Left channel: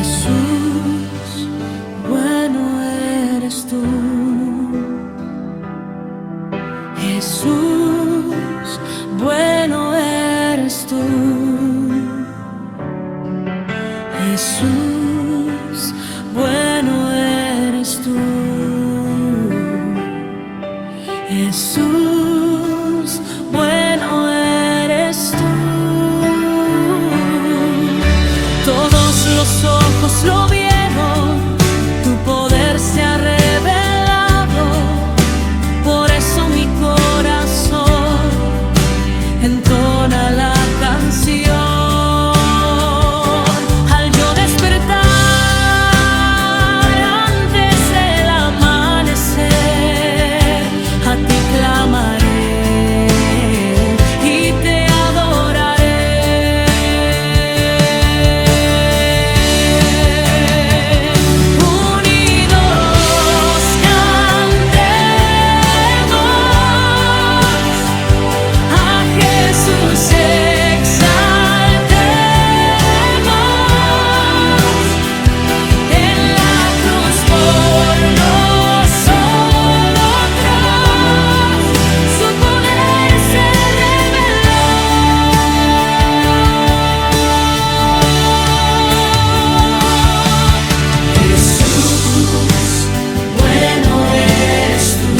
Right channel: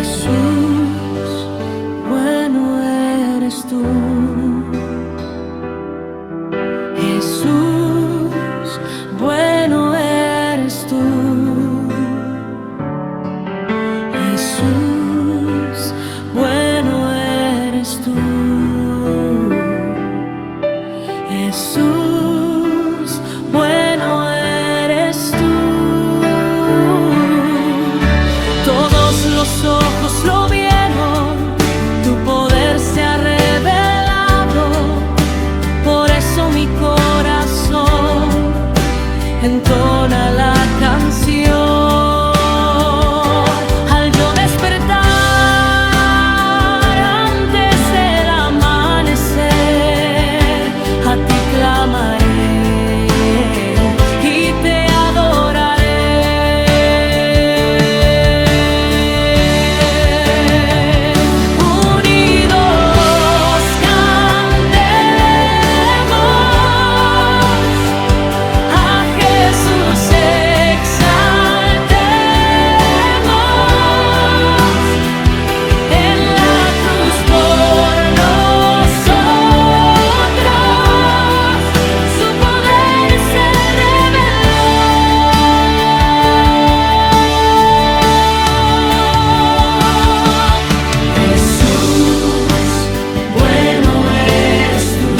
Jesús, bueno eres tú. Jesús, bueno eres tú. Jesús, bueno eres tú. Jesús, bueno eres tú. Todos los ojos lo vieron, tu poder se ha revelado. Por eso mi corazón entona la canción. Al yo despertar antes del amanecer, a ti clamaré y te adoraré. Unidos cantemos, a Jesús exaltemos. En la cruz por nosotros su poder se reveló. Jesús, bueno eres tú.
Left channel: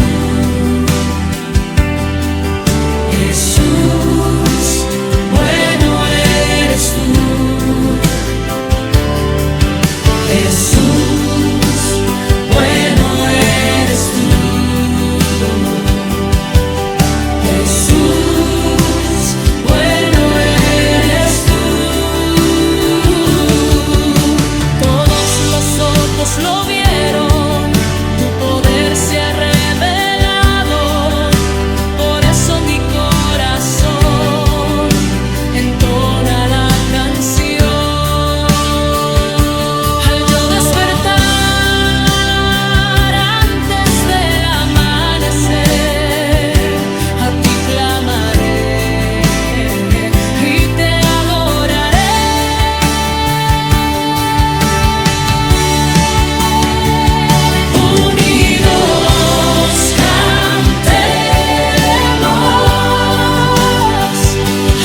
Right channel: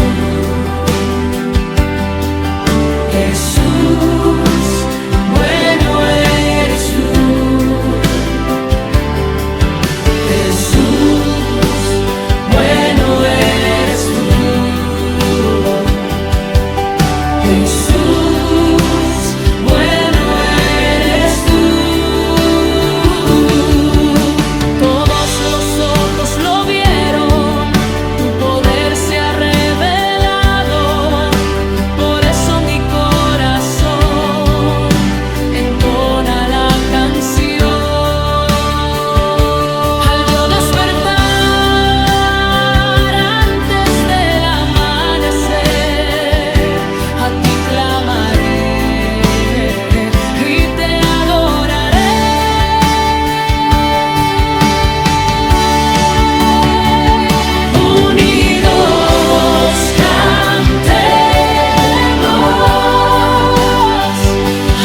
Jesús, bueno eres tú. Jesús, bueno eres tú. Jesús, bueno eres tú. Todos los ojos lo vieron, tu poder se ha revelado. Por eso mi corazón entona la canción. Al yo despertar antes del amanecer, a ti clamaré y te adoraré. Unidos cantemos,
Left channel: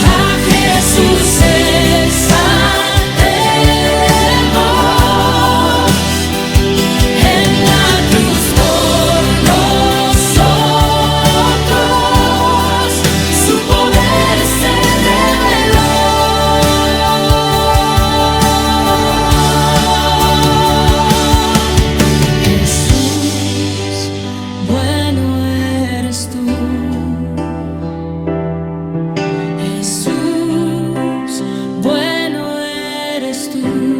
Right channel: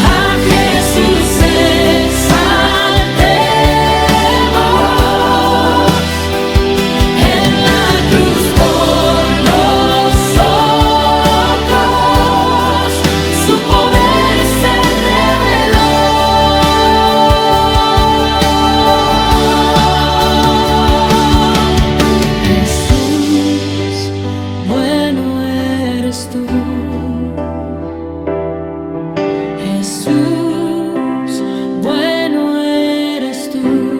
a Jesús exaltemos. En la cruz por nosotros su poder se reveló. Jesús, bueno eres tú. Jesús, bueno eres tú.